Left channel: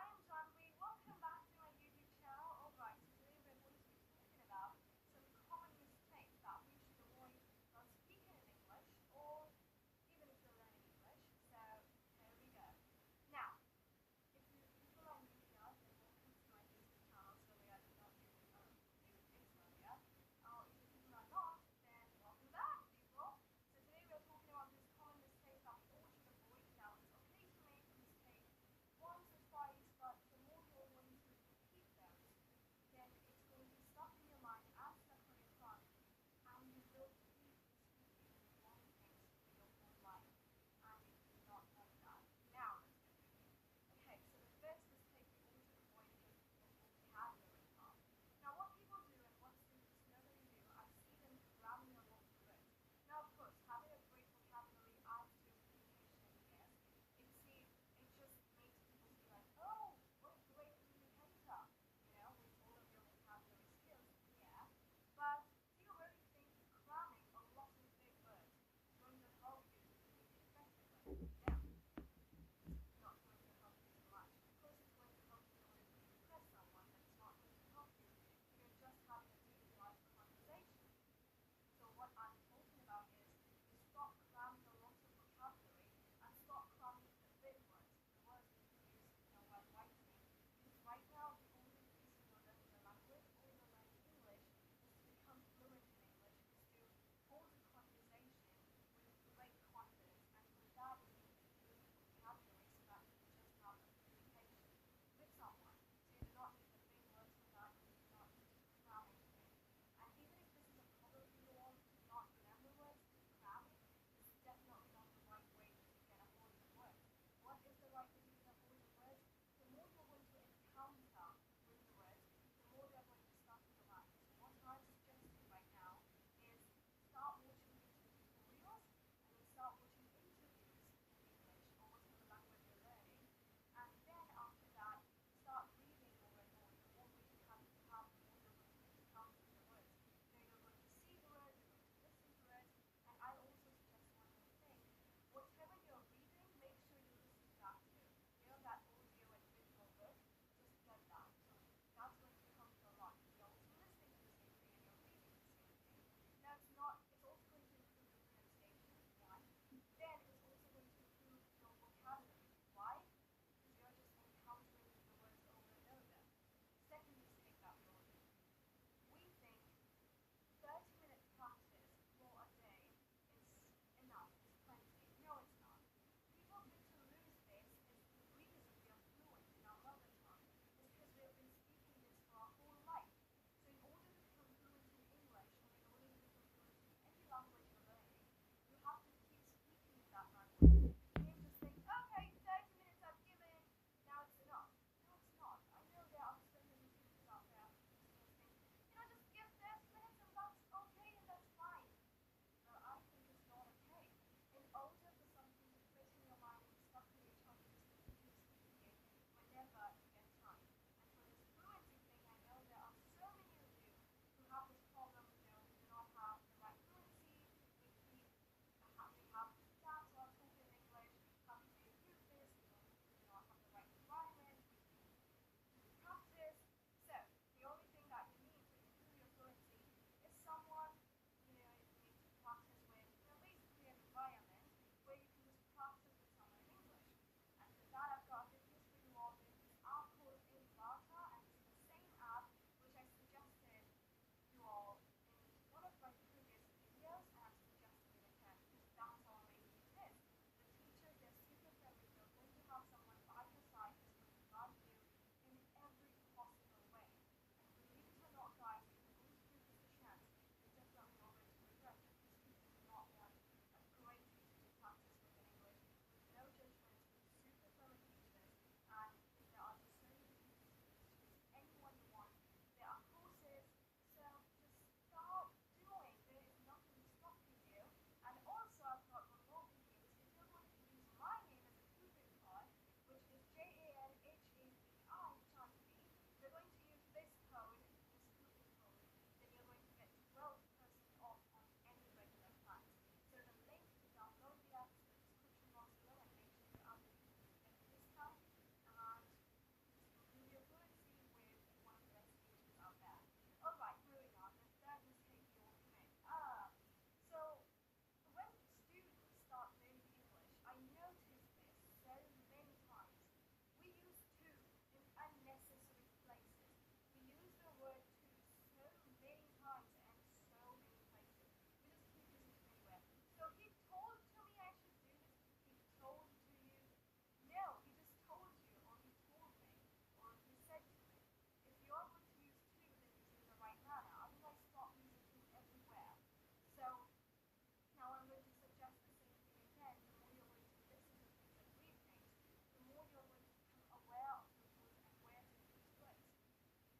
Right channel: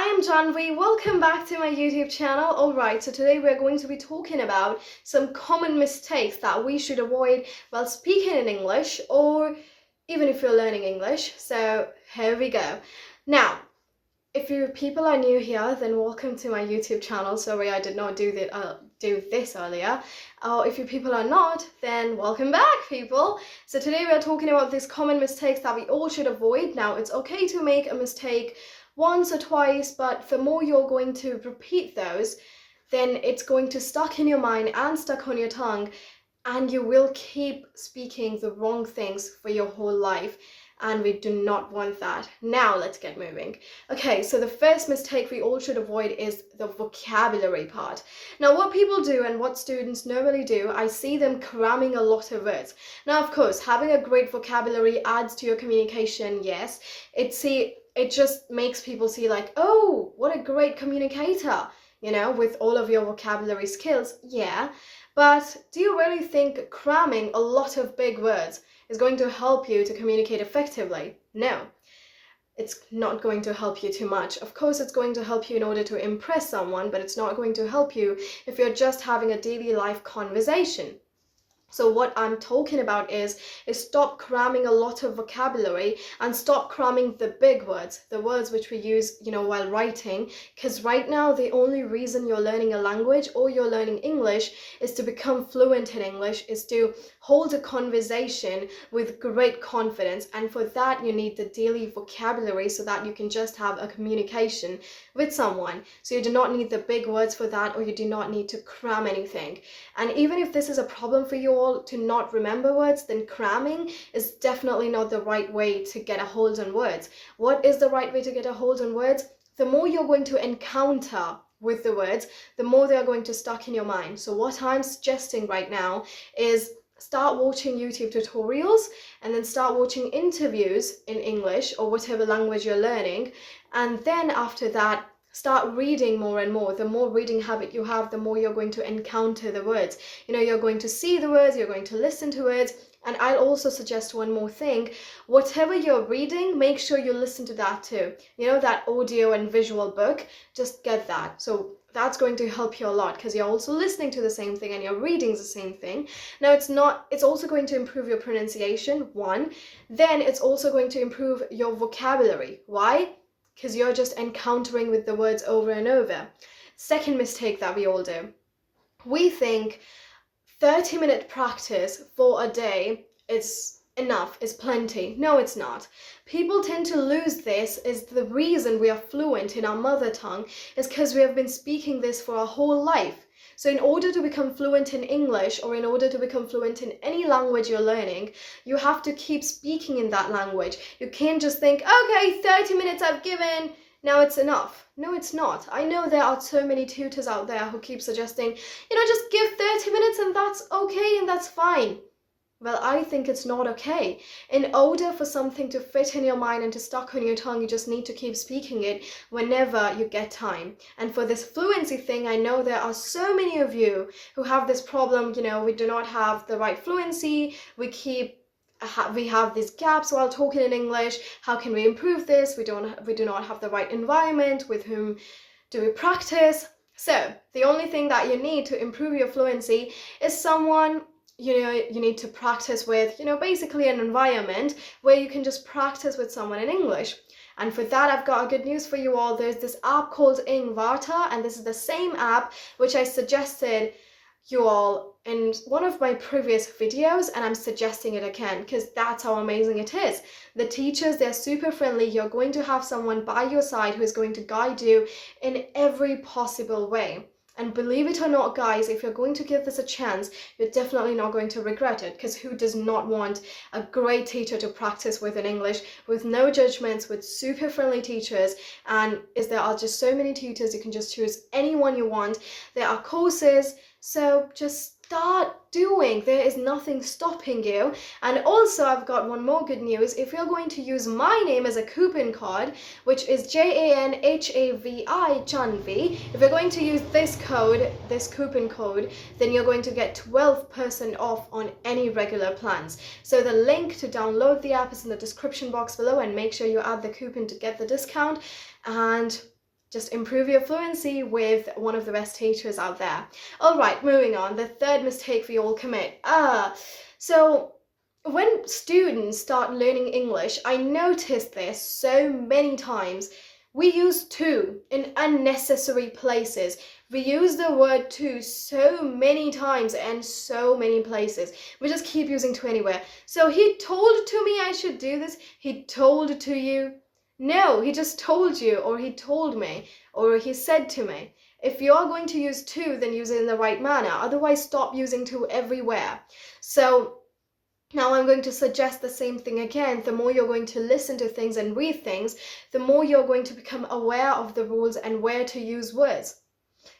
I am Janvi. Welcome back to my YouTube channel. Alright, so today we're going to be talking about some common mistakes that we should avoid while speaking in English or even if you're learning English. So here we go. Now, if you people are new here, then welcome to my YouTube channel. Sorry, I did not do this earlier. If you people are not, then welcome back, people. So today we are talking about these common mistakes that we all should avoid. Now, it's okay to make a mistake once or twice, but the more you're going to repeat those, then it's going to stuck in your mind and stuck on your tongue, and you will keep speaking the wrong things for your whole life. And we do not want that. Now let's get moving. Okay, so the first mistake we all should avoid is the vocabulary part. Now, what people do and what students normally do, I see them cramming a lot of words. Now, of course, having a great vocabulary adds to your communication, yes. It just makes people see like, oh, what a great communicator, you know, with all of your vocabulary skills, yeah. But do you really think cramming a lot of big words is going to help you to communicate effectively? No, it's not going to help you too much. Of course, it's going to help you in order to impress someone, but it's not going to help you if you're just having a daily life conversation. So what I'm talking about is stop cramming a lot of vocabulary and stop cramming the big words, the words which we use, you know, while writing. Because right now, the only reason you're learning a language or you're learning English is to become fluent in English, is to hold a conversation with great confidence. And for that, you need the daily vocabulary so that you can just have a communication with someone. So you do not need the big words for that, or you do not need to cram anything. And even if this is a problem for you all to not remember words, then cramming is definitely not the right way to get a hold on words. What is the right way to get a hold on words? The more you're going to encounter with the words, the more they're going to stuck in your mind. So what I'm suggesting right now is start watching YouTube tutorials and then start watching interviews in English or whatever language you're learning. And then after that, start reading more and more. The more reading habit you have, the more you're going to encounter the words. You know, you're going to see the words, you're going to listen to words. And I'll also suggest one more thing. Whatever you're reading, make sure you listen to that too. You know, that audio and visual book, just get that. So that's going to help you a lot because you're also listening to the same thing and you're reading the same thing. Now, it's also going to improve your pronunciation, one. Then it's also going to improve your vocabulary. Why? Because you're just encountering with the words over and over. Second mistake that we all do. We think 30-minute practice for a day is enough, is plenty. No, it's not. People tend to lose this. Is the reason we are fluent in our mother tongue is because we have been speaking this for our whole life. So in order to become fluent in English, or in order to become fluent in any language you're learning, you have to keep speaking in that language. You can't just think, okay, 30 minutes I've given, now it's enough. No, it's not. I know there are so many tutors out there who keep suggesting, you know, just give 30 minutes and that's okay and that's fine. Well, I think it's not okay. In order for something to fit in your mind and to stuck on your tongue, you just need to keep speaking it whenever you get time. And for this fluency thing, I know there are so many of you who have this problem, you know, we do not have the right fluency, we have these gaps while talking in English. How can we improve this? We do not have the right environment. With whom do we practice? So the only thing that you need to improve your fluency is someone, you know, you need to practice with, you know, basically an environment where you can just practice with someone in English. And for that, I've got good news for you all. There's this app called Ingvarta, and this is the same app which I suggested you all in one of my previous videos, and I'm suggesting it again because that's how amazing it is. The teachers, they're super friendly. You're going to have someone by your side who is going to guide you in every possible way. And believe it or not, guys, if you're going to give this a chance, you're definitely not going to regret it, because who does not want a great teacher to practice with in English, with no judgments, with super friendly teachers? And there are just so many tutors, you can just choose anyone you want. There are courses, so just start doing. There is nothing stopping you. And also, I've got one more good news. If you're going to use my name as a coupon code, which is JANHAVI Janvi, if you're going to use this coupon code, then you're going to get 12% off on any regular plans. So the link to download the app is in the description box below, and make sure you add the coupon to get the discount. And just improve your fluency with one of the best teachers out there. All right, moving on. The third mistake we all commit. So when students start learning English, I noticed this so many times. We use to in unnecessary places. We use the word to so many times and so many places. We just keep using to anywhere. So he told to me I should do this. He told to you. No, he just told you, or he told me, or he said to me. If you're going to use to, then use it in the right manner. Otherwise, stop using to everywhere. So now I'm going to suggest the same thing again. The more you're going to listen to things and read things, the more you're going to become aware of the rules and where to use words.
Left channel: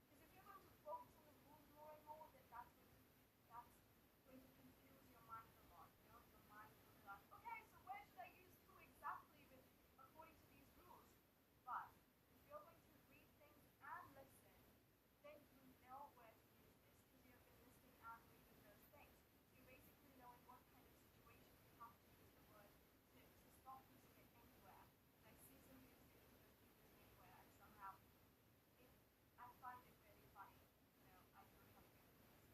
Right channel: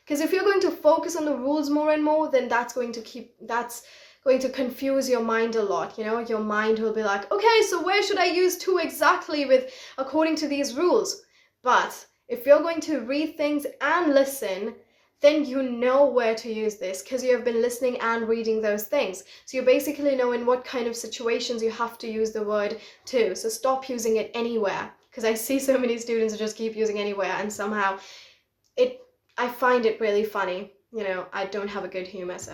Because if you're going to focus on the rules more and more, then that's going to confuse your mind a lot. Your mind will be like, okay, so where should I use to exactly according to these rules? But if you're going to read things and listen, then you know where to use this because you have been listening and reading those things. So you basically know in what kind of situations you have to use the word to. So stop using it anywhere, because I see so many students who just keep using anywhere, and somehow I find it really funny. I don't have a good humor, so.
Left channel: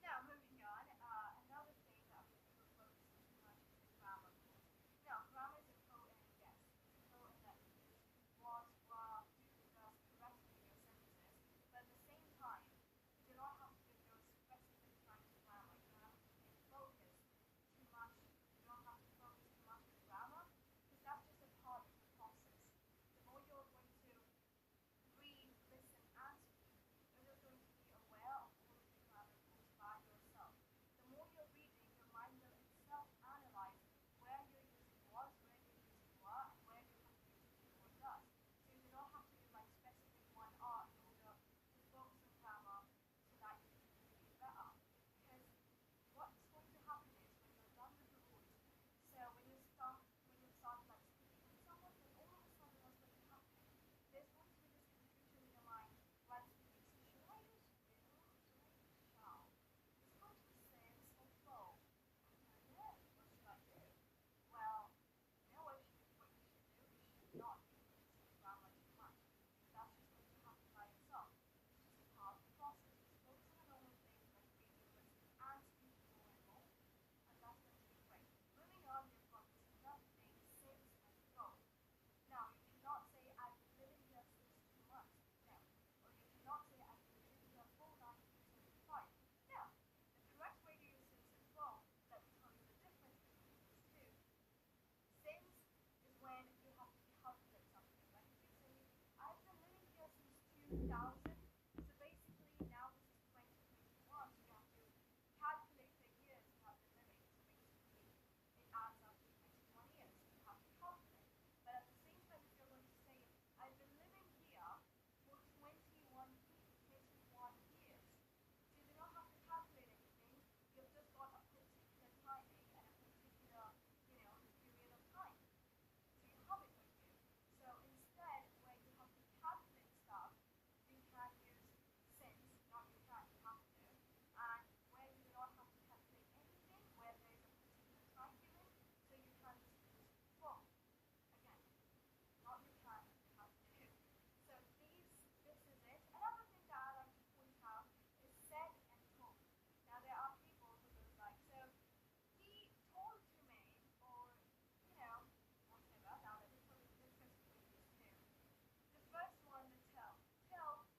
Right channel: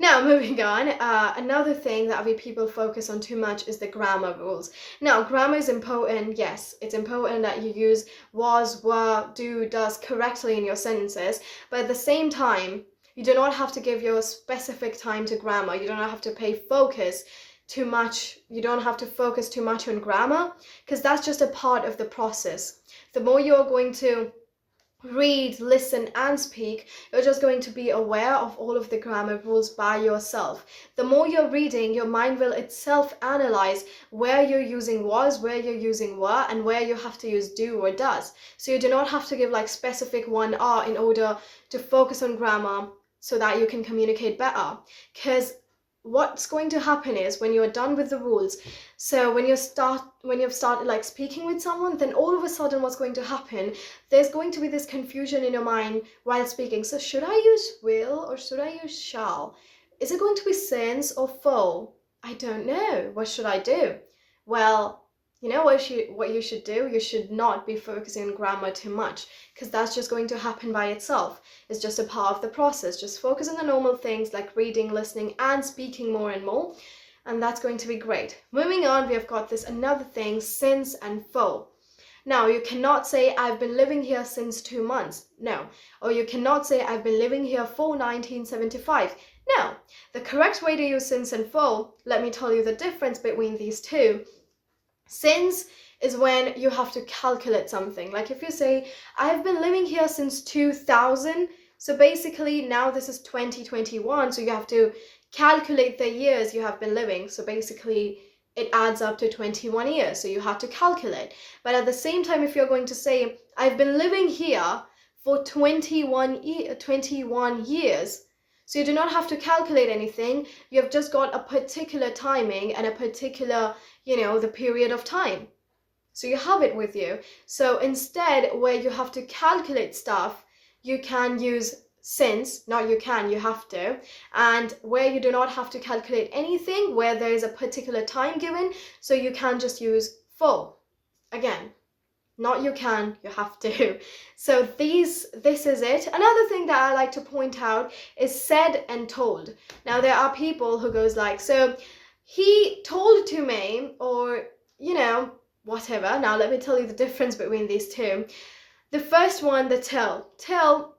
Now, moving on, another thing that we people focus on too much is the grammar rules. Now, grammar is important. Yes, it's important that you use was, were, do, does correctly in your sentences, but at the same time, you do not have to give your specific time to grammar. You don't have to focus too much. You don't have to focus too much on grammar, because that's just a part of the process. The more you're going to read, listen, and speak, you're just going to be aware of all of the grammar rules by yourself. The more you're reading, your mind will itself analyze where you're using was, where you're using were, and where you have to use do or does. So you do not have to give like specific one are in order to focus on grammar so that you can communicate better. Because what's going to happen is when you're done with the rules, so when you've started like speaking with someone, then all of a sudden what's going to happen, there's going to be this confusion in your mind while speaking. So should I use will or should I use shall? Is it going to be since or for? I don't know. What should I do? Well, you know what you should do? You should not be focusing on grammar too much, because that's just going to happen by itself. It's just a part of the process. Just focus on the normal things like reading, listening, and speaking more and more, and that's going to be great. Moving on, we have got this another thing, since and for. Now, you cannot say I've been living here since 2 months. No. Or you cannot say I've been living here for 1975. No. The correct way to use since and for, let me tell you the difference between these two. Since is when you have to calculate something. Like if you say, I've been living here since 2000, so basically now this is 2021, so you have to calculate the years you have been living. So basically it adds up to 21 years, so you have to calculate. But at the same time, if you're going to say, I've been living here for 21 years, so you do not have to calculate anything. You have just got a particular timing and a particular, the period of time. So you have it with you. So instead, where you have to calculate stuff, you can use since, not you can, you have to. And where you do not have to calculate anything, where there is a particular time given, so you can just use for. Again, not you can, you have to. So this is it. Another thing that I like to point out is said and told. Now there are people who goes like, so he told to me, or whatever. Now let me tell you the difference between these two. The first one, the tell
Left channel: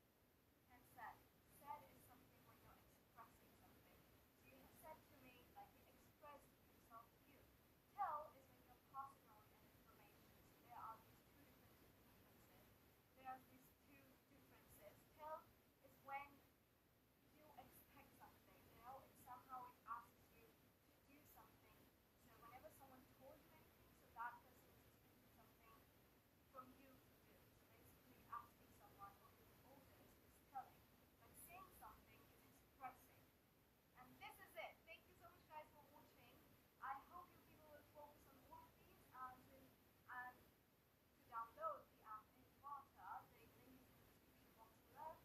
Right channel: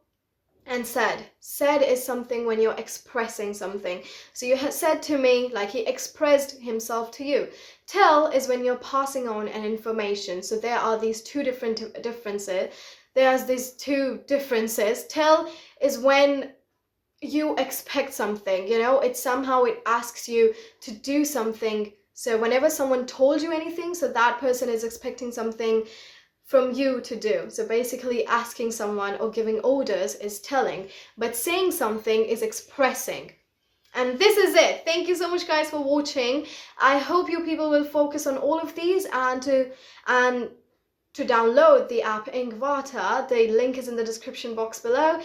and said. Said is something when you're expressing something. So you said to me, like he expressed himself to you. Tell is when you're passing on an information. So there are these two differences. There's these two differences. Tell is when you expect something, it asks you to do something. So whenever someone told you anything, so that person is expecting something from you to do. So basically asking someone or giving orders is telling, but saying something is expressing. And this is it. Thank you so much guys for watching. I hope you people will focus on all of these, and to download the app Ingvata, the link is in the description box below.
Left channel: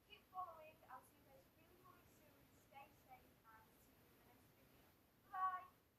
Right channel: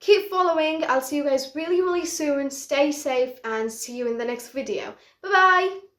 Keep following. I'll see you guys really soon. Stay safe and see you in the next video. Bye bye.